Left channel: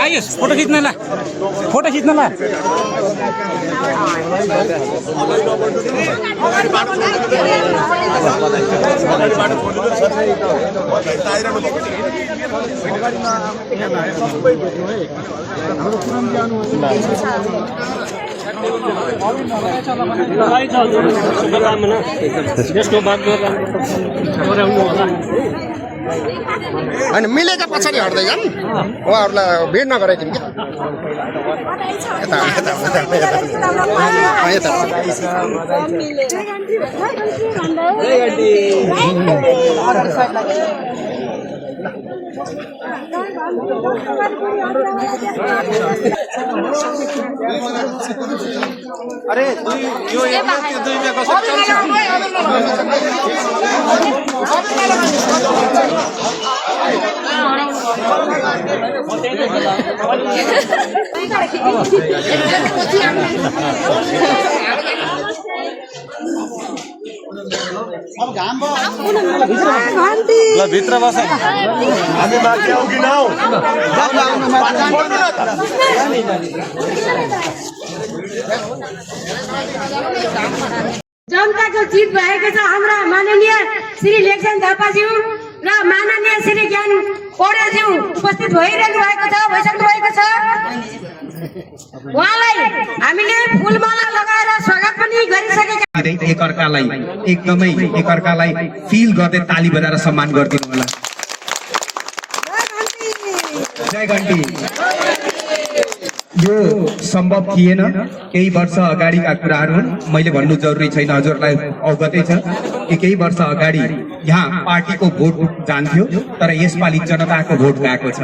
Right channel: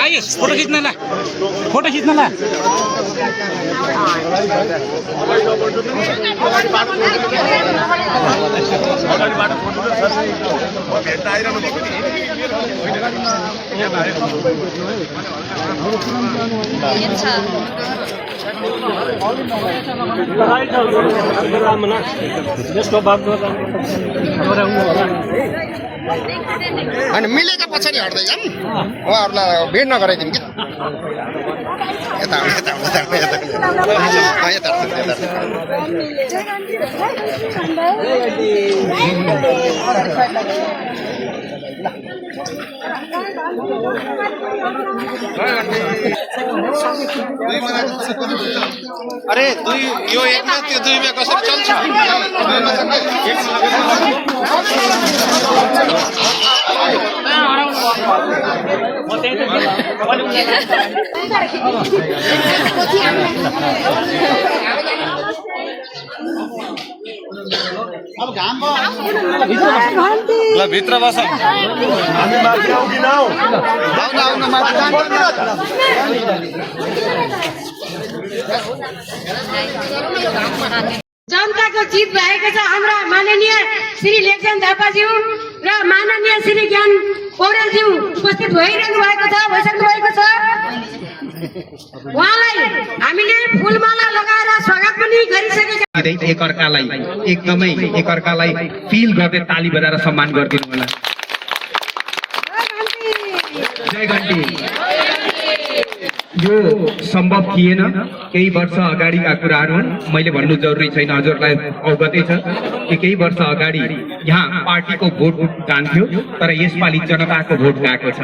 आइए photo खींचने ला अनि मिलेका पछाडि हट्दै जाऊँ उहाँहरूलाई भेट नगराइदिउँ कि अरे दुई यो एकमा त्यो दुईमा कसरी चल्छ ल भित्र बसौँ हामी माथि आऊ कि नआऊ जनताको जित भएको छ। हाम्रा माननीय श्री लेखचन थापाज्यू र माननीय श्री ज्ञान पौडेलज्यू उपस्थित भइरहनु भएको छ, भइसक्नु भएको छ। उहाँलाई हामीले फुलमाला लगाएर स्वागत पनि गरिसकेका एकअर्कालाई फिल गर्दै ताली बजाएर सम्मान गरिदिनु होला। जय घन्टी। यो सम्भव थिएन, केही वर्ष अगाडिका कुराहरू मैले भन्नु जरुरी छैन, हजुरलाई अवगतै छ कि केही वर्ष अगाडि यहाँ पार्टीको भोट जान्थ्यो, तर यसपालि जनताको भोट गएको छ,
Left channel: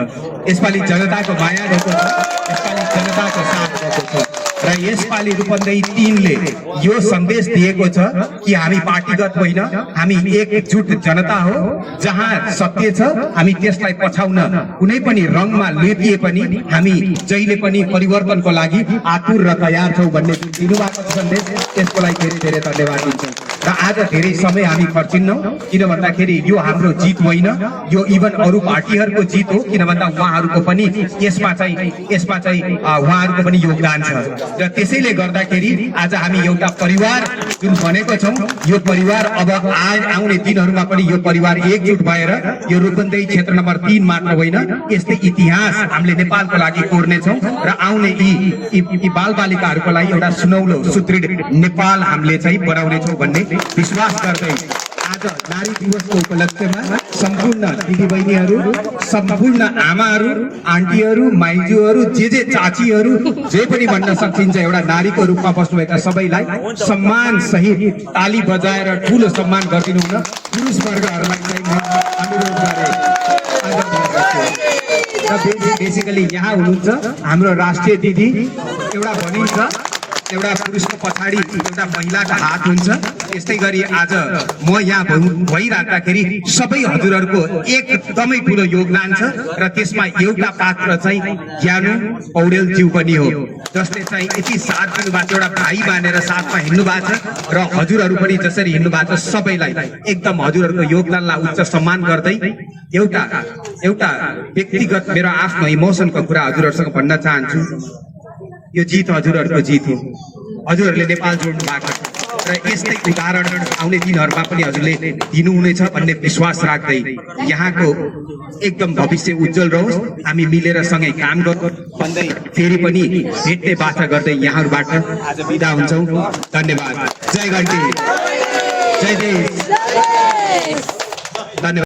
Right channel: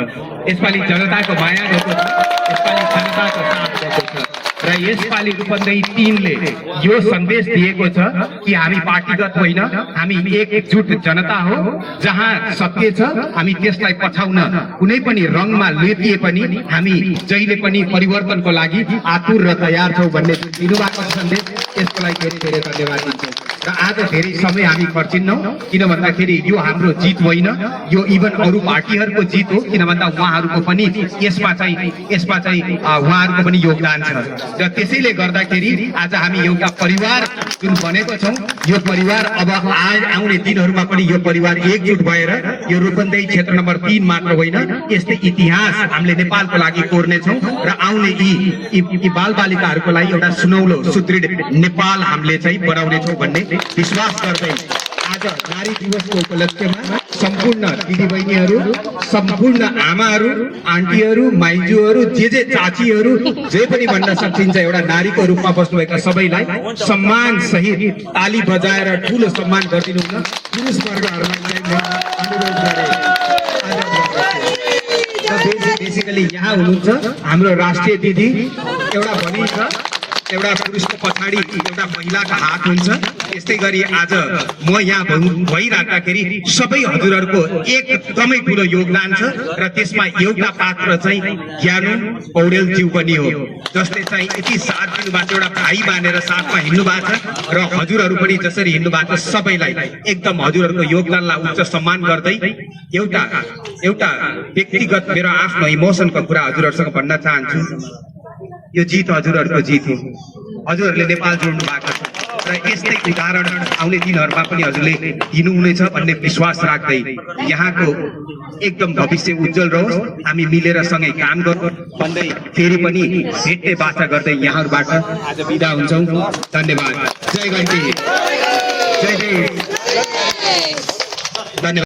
यसपालि जनताको माया रहेको छ, यसपालि जनताको साथ रहेको छ र यसपालि रूपन्देही टिमले यो सन्देश दिएको छ कि हामी पार्टीगत होइन, हामी एकजुट जनता हो। जहाँ सत्य छ हामी त्यसलाई पछाउन कुनै पनि रङमा लेपिए पनि हामी जहिले पनि परिवर्तनको लागि आतुर र तयार छौँ भन्ने जुन दिनुभएको सन्देश, त्यसको लागि धेरै धेरै धन्यवाद दिन्छौँ। र आज धेरै समय हामी खर्चिन्नौँ, किन भन्दाखेरि यो हाम्रो जित होइन, यो इभन अरू पार्टीहरूको जित हो, किन भन्दा उहाँहरूको पनि यसमा चाहिँ उहाँहरूको पनि योगदान छ। र त्यसैले गर्दाखेरि आज हामी एउटा परिवार जुन बनेको छौँ, यो परिवार अब आउने दिनहरूमा पनि यो परिवार एकजुट भएर यो रूपन्देही क्षेत्र नम्बर 3 मात्र होइन, यस्तै इतिहास हामीले नेपालको लागि कोर्नेछौँ र आउने यी बालबालिकाहरूको लागि एउटा सुनौलो सुदृढ नेपाल हामीले चाहिँ बनाउनेछौँ भन्ने विश्वास गर्दै आज नारी दिवसको उपलक्ष्यमा सम्पूर्ण दिदीबहिनीहरू, सम्पूर्ण आमाहरू, आन्टीहरू, माइजूहरू, जे चाचीहरू, जे पनि भन्न सकिन्छ, एउटा नारीको रूपमा बस्नुभएका सबैलाई सम्मान सहित ताली बजाएर ठुलो सम्मान गरिदिनु हुन पुरुष वर्गहरूलाई चाहिँ म अनुरोध गरेँ। बेसिकली यहाँ हुनुहुन्छ हाम्रो राष्ट्रिय दिदी, एउटा भनिन्छ एउटा पुरुषको पछाडि एउटा महिलाको हात हुन्छ, त्यस्तै गरी आज म यहाँ भइराख्दाखेरि सबै हजुरहरूको एकदमै ठुलो योगदान छ र त्यसमा एउटा पात्र चाहिँ ज्ञानु पौडेलज्यू पनि हो, जसले चाहिँ यति साथ दिनुभएको, एउटा भाइ मानेर साथमा हिँड्नु भएको छ र हजुरहरू पनि जसरी हिँड्नु भएको छ सबैलाई एकदम हजुरहरूको योगदानलाई उच्च सम्मान गर्दै एउटा व्यक्तिगत मेरो आफ्नो इमोसनको कुरा हजुरहरूसँग भन्न चाहन्छु। यो जित हजुरहरूको जित हो, हजुरहरूले नेपाल जोड्नु भएको छ र यस्तै उदाहरण आउने दिनहरूमा पनि हजुरले दिनुहुनेछ भन्ने विश्वास राख्दै यहाँको एकदम भविष्य उज्जवल रहोस्, हामी मिलेर सँगै काम गरौँ भन्दै फेरि पनि भेट्ने बाचा गर्दै यहाँहरूबाट आज बिदा हुन्छौँ। धन्यवाद। जय घन्टी। जय जय। धन्यवाद।